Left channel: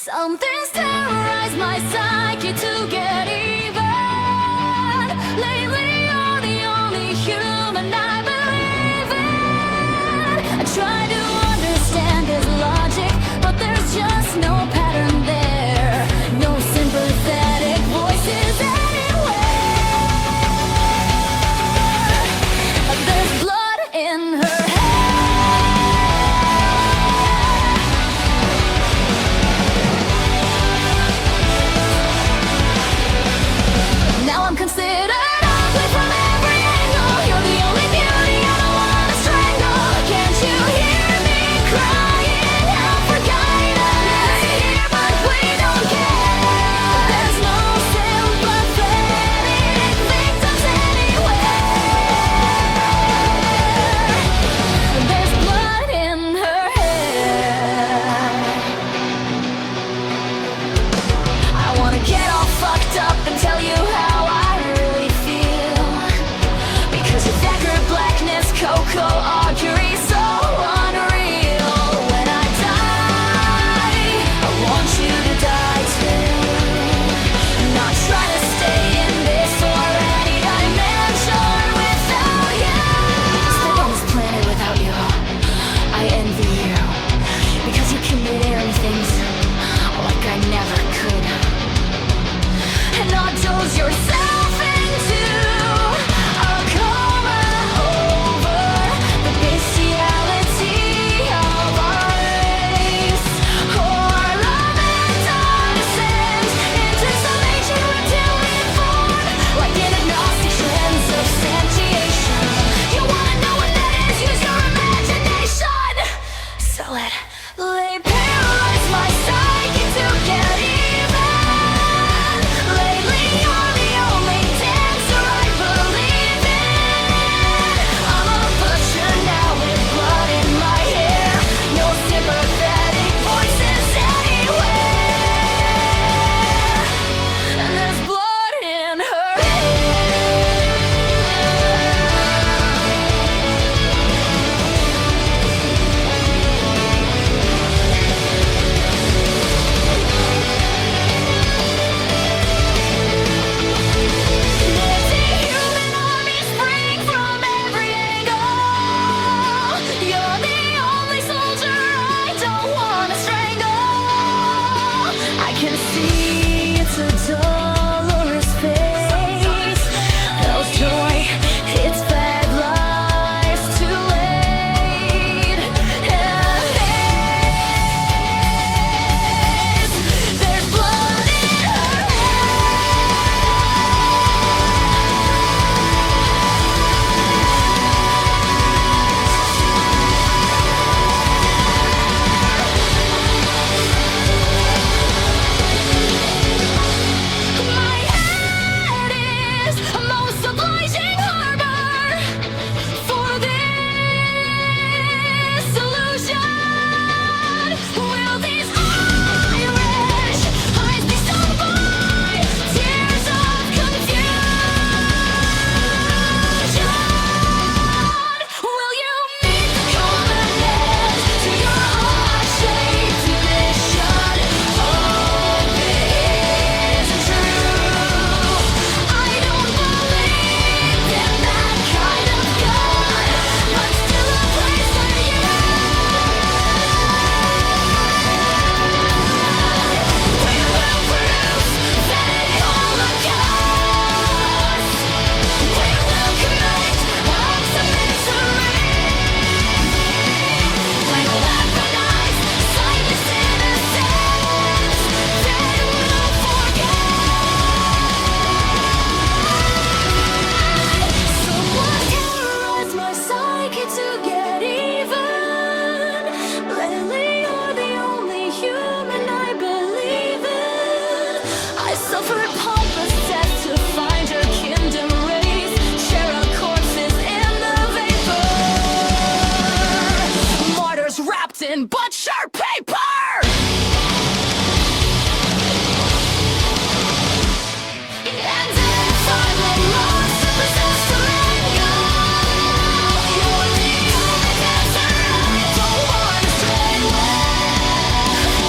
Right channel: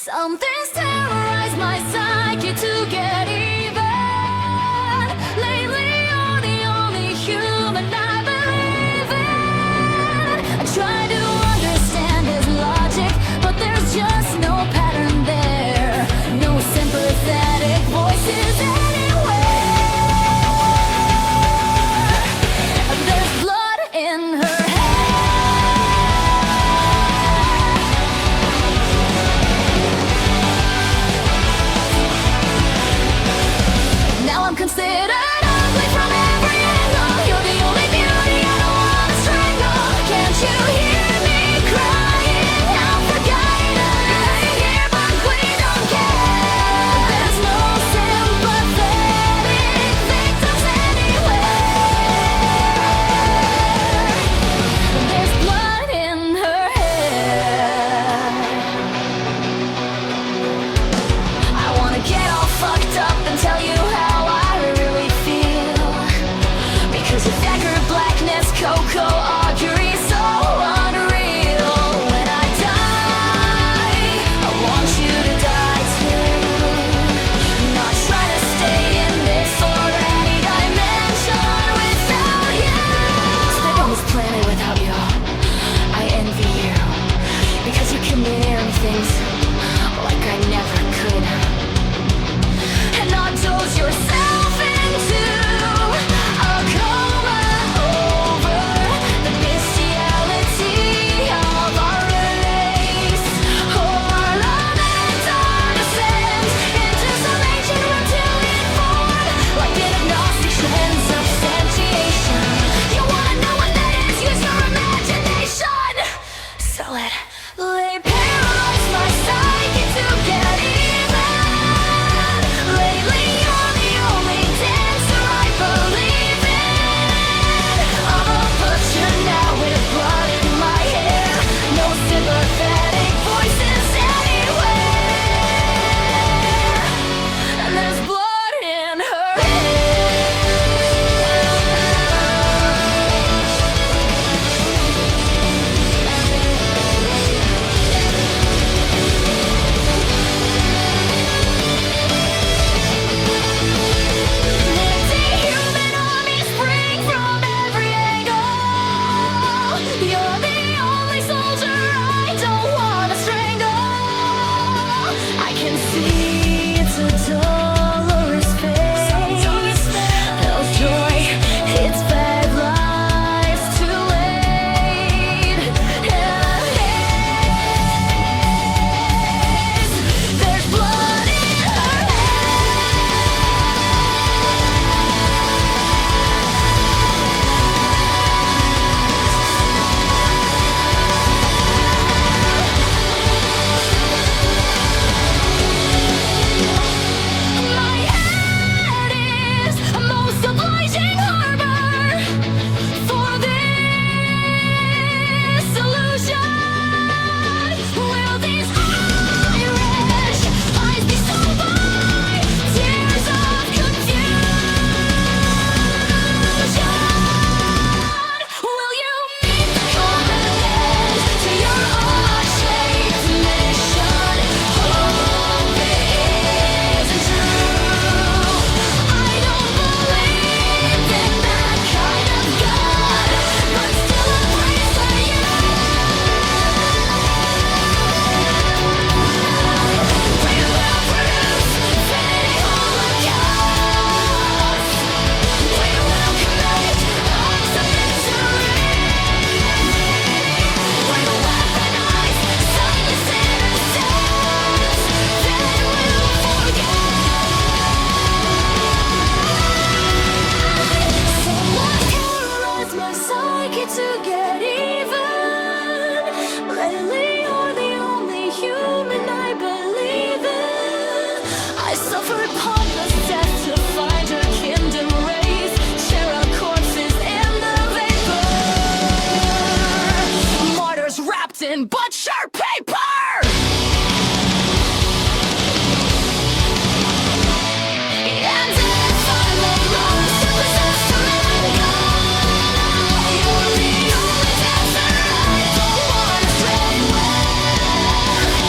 Something's terrorized my psyche to get even. Lately you're the only human I believe in. I try to understand his logic, but there's just no pattern there. No sympathetic voices anywhere. There's blood in her hair. Now I'm considered ugly from every angle. You're the only beauty I don't wanna strangle. Can't you hear me crying out for guidance? Here, but we don't care. There's no sympathetic victims anywhere. There's blood in her hair. I wanna get all fucked up and tell you how blackness, Coco, augury, so unreal. When I die, I want you to die too. Not trying to stay in this or any dimension without you. Step on this planet without you, I envy you. Because you committed things like I never could. And not doze yourself into a coma. They paralyze my psyche to get even. Lately you're the only dancer I believe in. I'm a butcher now with blood in my hair. No sympathetic voices anywhere. And there's blood in her hair. You're the only soldier I don't wanna strangle. I can see it's a dolorous face. No joy, it's bad lies too late. There's blood in her to get even. Lately you're the only human I believe in. I suffered pompous death to find her kingdom race. Share our corpses in the vapor. Martyrs wrapped in blood.